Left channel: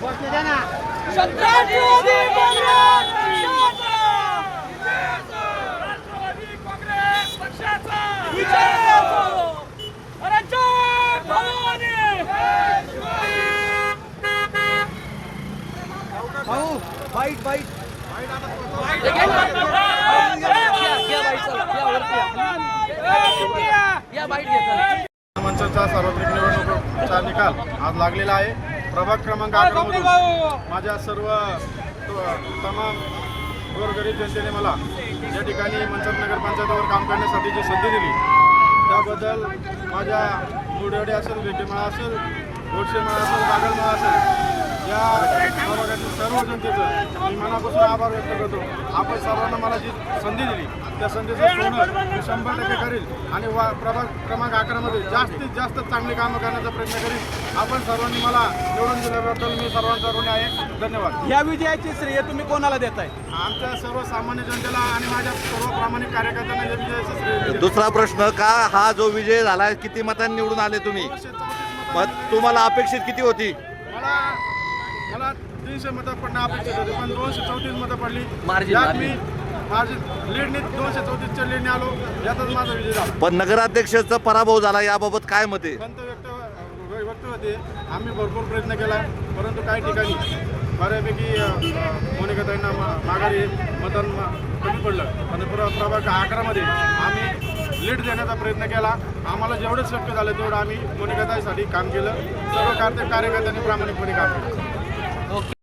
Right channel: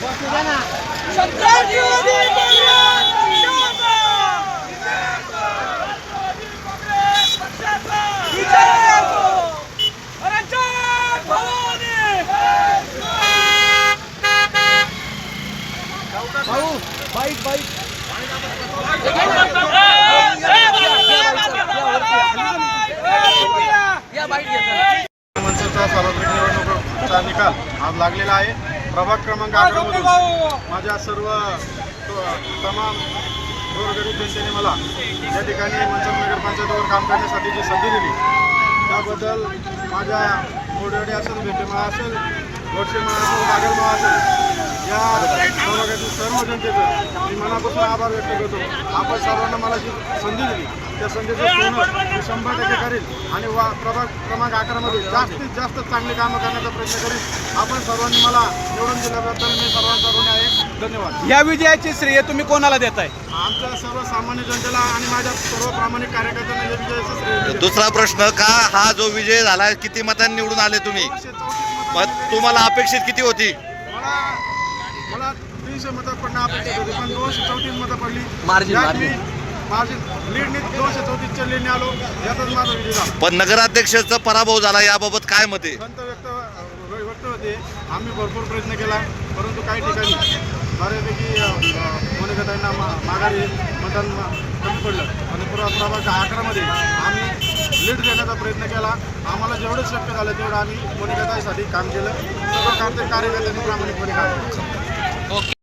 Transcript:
Bosnya sana. विजय असो. रंजक भवानी. सार्वत्रिक निवडणुकीचा निकाल आज लागलेला आहे प्रभाग क्रमांक अकरामधून माझ्या सर्व तमाम गोरगरीब जनतेने मला या ठिकाणी मंचर नगरपंचायतीवर काम करण्यासाठी जी संधी दिली त्याबद्दल माझ्या मोडवाडी असेल भेटेमाळा असेल गोडशेमाळा असेल बागलमाळा असेल या प्रभागातील सर्व जनतेचं मी मनापासून आभार व्यक्त करतो. आपण सर्वांना मला जी संधी दिली त्या संधीचं सोनं मी शंभर टक्के करील आणि वा प्रभाग क्रमांक अकरामध्ये जास्तीत जास्त चांगली कामं करण्याचा प्रयत्न करील आपण सर्वांनी मला निवडून दिल्याबद्दल मी सर्वांचा ऋणी आहे. धन्यवाद. या विजयाची श्रेय तुम्ही कोणाला देताय? आमच्या सर्व सामान्य जनतेला आणि माझ्या सर्व प्रामाणिक कार्यकर्त्यांना या विजयाचं श्रेय. दुसरा प्रश्न का हा जो विजय झाला किती मतांनी निवडून आले तुम्ही? मग तुम्हाला अपेक्षित किती होती? मला तीनशे मतं पडणं अपेक्षित होते पण दोनशे चौतीस मतं पडली. यात मी माझी लीडनी दोनशे चौतीसच्या लीडने आलो यातच माझा विजय झाला. पण नगराध्यक्षाचा पराभव झाला याबाबत काय मते खंत व्यक्त व्यक्त होते. आम्ही भरपूर प्रयत्न केला परंतु काही ठिकाणी बऱ्यापैकी मोनिकाताईंना मा माघारी मतदान कमी पडलं. पण प्र प्रभाग अकरामध्ये आम्ही लीड देण्याचा प्रयत्न केला. आम्हाला जेवढं शक्य झालं तेवढं आम्ही मोनिकाताईसाठी काम केलं. सर्व कार्य कार्यकर्त्यांनी प्रामाणिकपणे काम केलं. ಓಕೆ